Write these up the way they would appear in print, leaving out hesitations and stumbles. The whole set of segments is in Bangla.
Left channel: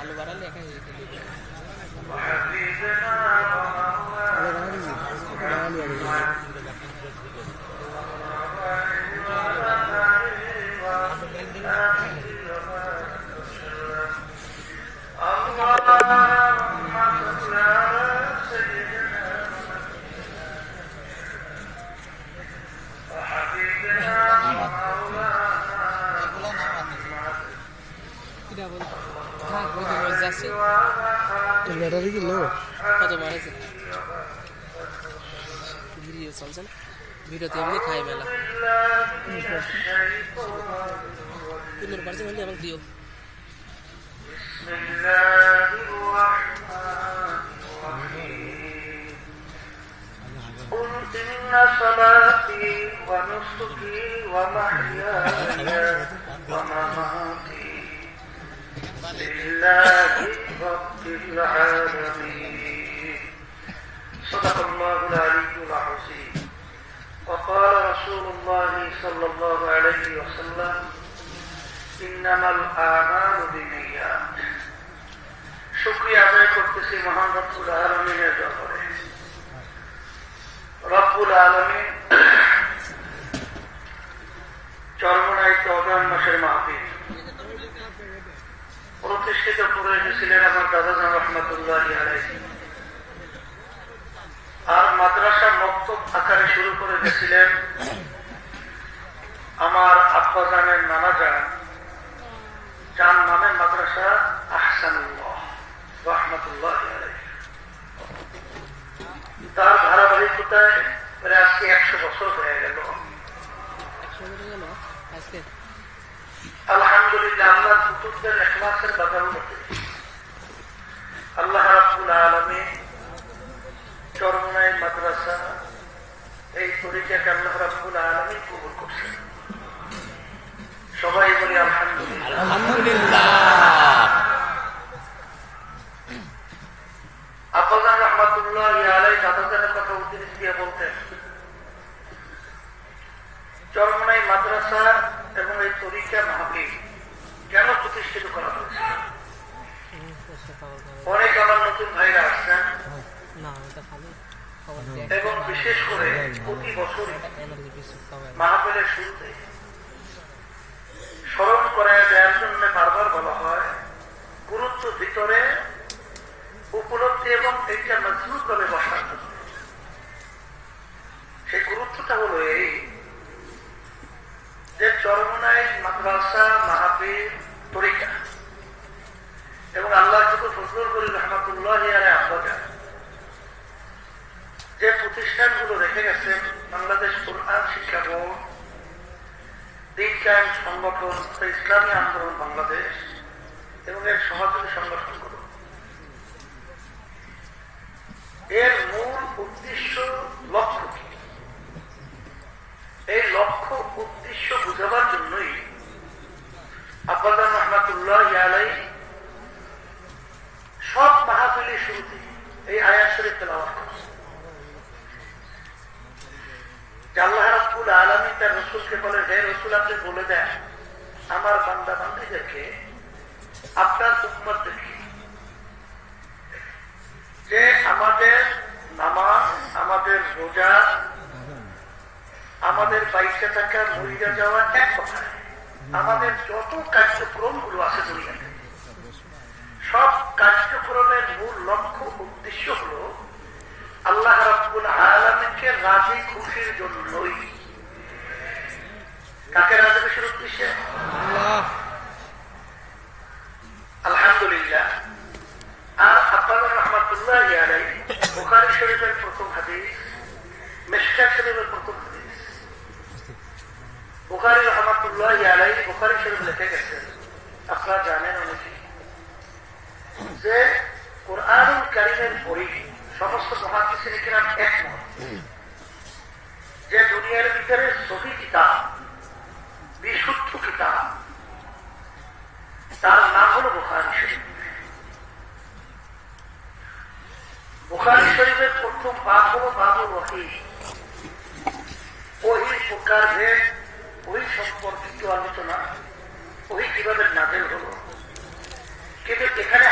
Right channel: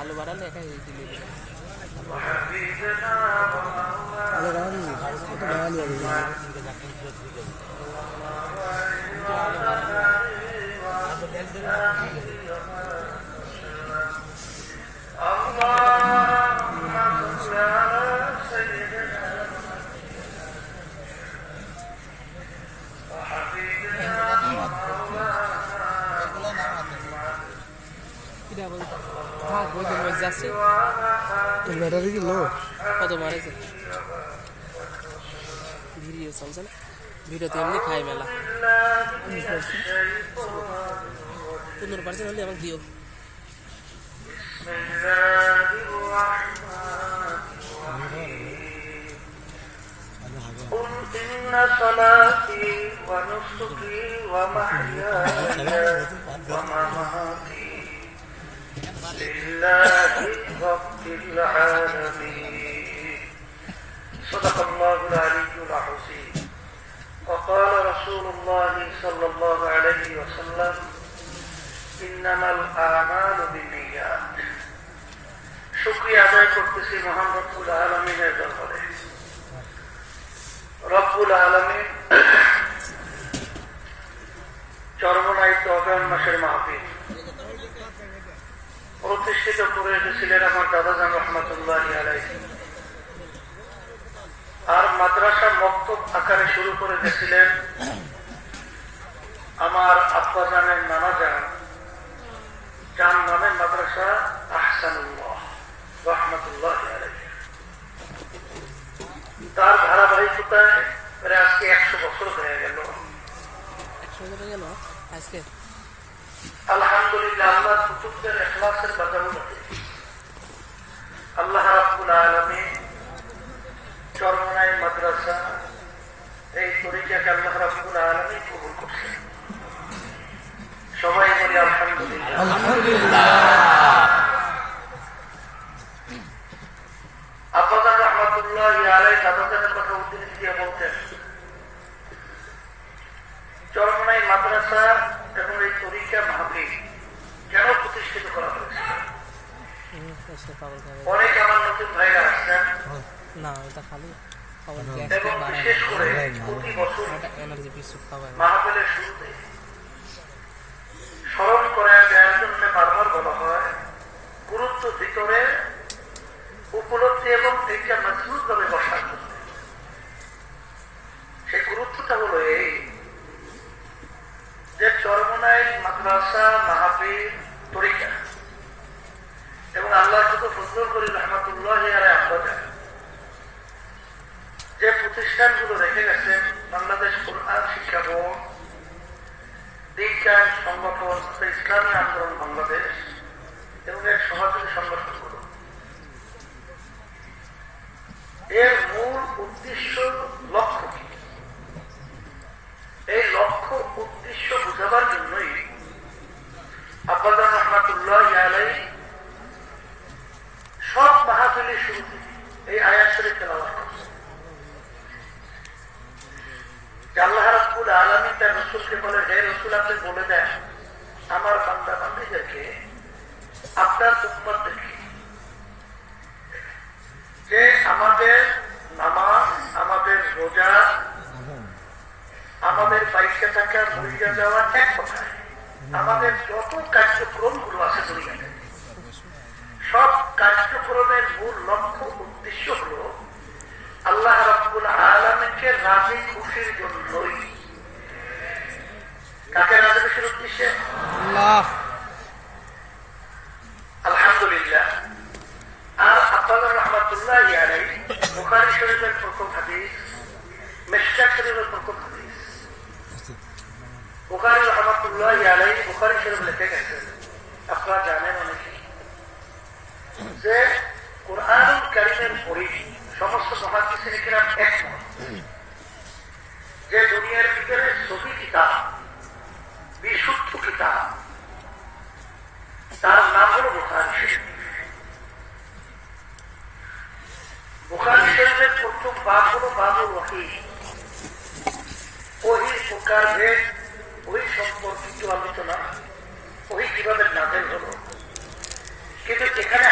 আলু বাড়ালে এখানে আলু বাড়ালি একটু বাড়ালি ব্যাটারি কি লো কত বাড়েছে ভিডিও চলছে না ভিডিওতে এমনি খাই মেলা 15% হলে আমার দিও إن صلاتي ونسكي ومحياي ومماتي لله رب العالمين صدق الله العلي العظيم وقال رسول الله صلى الله عليه وسلم إنما الأعمال بالنيات শুকরিয়া আদায় করতেছি মহান রব্বুল আলামিনের দরবারে রব্বুল আলামিন চরমনাইতে অগায়ন মাসের মাহফিল প্রতিষ্ঠিত করে এসেছিলেন আমার দাদাজান রহমতুল্লাহি আলাইহি আর মাদ্রাসার মক্তব আকারে শুরু করে দিয়েছিলেন আমার আব্বাজানের নানাজান যার নামের মাদ্রাসা আহসানুল্লাহ রহমতুল্লাহি আলাইহি তার ধারাবাহিকতায় প্রায় আজকে 100 বছর হয়ে গেল আজকে আলহামদুলিল্লাহ আল্লাহ কুতুবদের ইখলাসের কথা বলতে আল্লাহ রাব্বুল আলামিন চরমনাই মাদ্রাসা এই পরিচয়কে আল্লাহ রাব্বুল আলামিন কবুল করছেন সবাই বলে আলহামদুলিল্লাহ আলহামদুলিল্লাহ আব্বাজান রহমতুল্লাহি আলাইহি দাদাজানের কথা উদ্দেশ্য দিয়ে বলতেন চরমনাই মাদ্রাসা এবং এই পরীক্ষা মাহফিল কেন প্রতিষ্ঠিত করা হয়েছে অনেক আমার নতুন ভাইরা আসছেন এবং বিশেষ করে প্রতি বছর মাহফিলের শুরুতে স্মরণ করায় দেওয়ার জন্য বারবার বলা হয় গুরুত্ব ভিতরে উপলব্ধি এবং এইটা মজবুত ভাবে বসার জন্য সেই গুরুত্বটা হলো এই যে চরমনাই মাদ্রাসা মাহফিল পরীক্ষা এবং আল্লাহ যত ফজল করি রহমতুল্লাহি আলাইহি আব্বাজান যে প্রতিষ্ঠানগুলো রেখে গেছেন বাংলাদেশ কোরআন শিক্ষা বোর্ড বিজ্ঞান সংগঠন ইসলামী আন্দোলন বাংলাদেশ এবং এর সমাজসেবী সংগঠনগুলো এর মূল উদ্দেশ্য লক্ষ্য কি এই লক্ষ্য উদ্দেশ্য বুঝাবার জন্যই আব্বাজান রহমতুল্লাহি আলাইহি সব মাহফিলের শুরুতে এই আয়াত শরীফ তেলাওয়াত করছেন আল্লাহ রাব্বুল আলামিন তার রাসূলকে বলে হে রাসূল আপনি বলে দেন আমার বান্দা বান্দীদেরকে আপনার উম্মতদেরকে যে আমাদের নামাজ আমাদের রোজা আমাদের বাইকে থাকা মরিয়া যাওয়া এক কথা আমাদের যত কার্যক্রম গুলো আছে দুনিয়াতে সব কার্যক্রমের মূল লক্ষ্য উদ্দেশ্য হল আল্লাহ রাব্বুল আলামিনকে রাজি খুশির জন্যই কাকে রাজি খুশির উদ্দেশ্যে আল্লাহ আলহামদুলিল্লাহ আর আব্বাজান রহমতুল্লাহি আলাইহি বুখারী শরীফের প্রথম হাদিস মিশকাত শরীফের প্রথম হাদিস বুখারী রহমতুল্লাহি আলাইহি বুখারী শরীফ লিখে গেছেন আপনারা জানেন অনেকে যে কোরআনুল কারীমের পড়ি সমস্ত মুহাদ্দিসিন কিরাম একমত যে দুনিয়ার ভিতরে সহি কিতাব বিশুদ্ধ কিতাব তার নাম হল বুখারী শরীফ বুখারী শরীফের প্রথম বাব হল বাবুল ওহী ওহীর প্রকারভেদ ওহী সম্পর্কিত আলোচনা ওহী কিভাবে নাযিল হল কিন্তু এখানে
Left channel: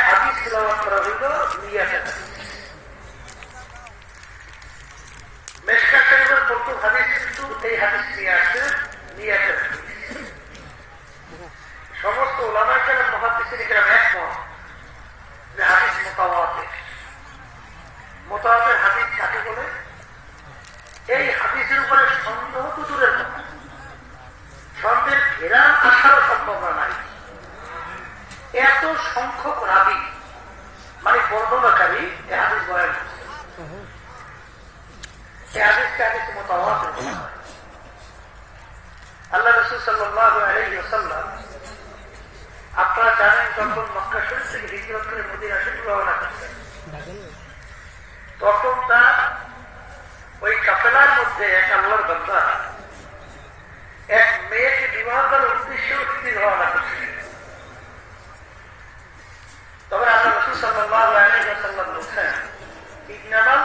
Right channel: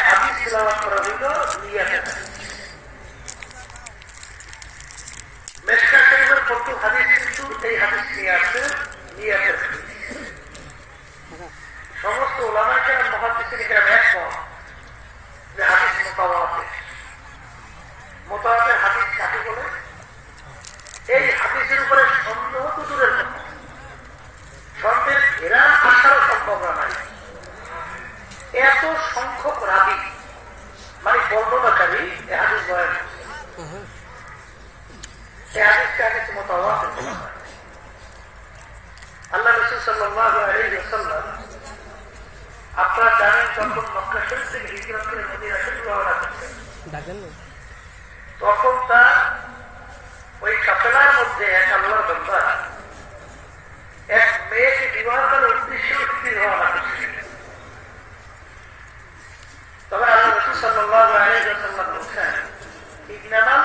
মুফাসসিরিনরা একমত যে হাদিস মুতাওয়াতির। মুতাওয়াতির হাদিস কাকে বলে? এই হাদিসের উপরে সন্দেহ তো দূরের কথা, সন্দেহের ঘেরা আসার সম্ভাবনা নাই। এত সংখ্যক রাবী মানে বর্ণনাকারী এই হাদিস বয়ান করছে। এই হাদিসকে হাদিস মুতাওয়াতির বলা হয়। আল্লাহ রাসূল সাল্লাল্লাহু আলাইহি ওয়াসাল্লাম আপনারা জানেন যখন মক্কা শরীফ থেকে হিজরত করে মদিনা শরীফ রওনা করছেন, তখন তার ওই কাফেলার মধ্যে এক আল্লাহর বান্দা এক মেয়েকে বিবাহ করার উদ্দেশ্যে তিনি রওনা করছেন। তবে আল্লাহ রাসূল সাল্লাল্লাহু আলাইহি ওয়াসাল্লাম বলেন, ইন্নামাল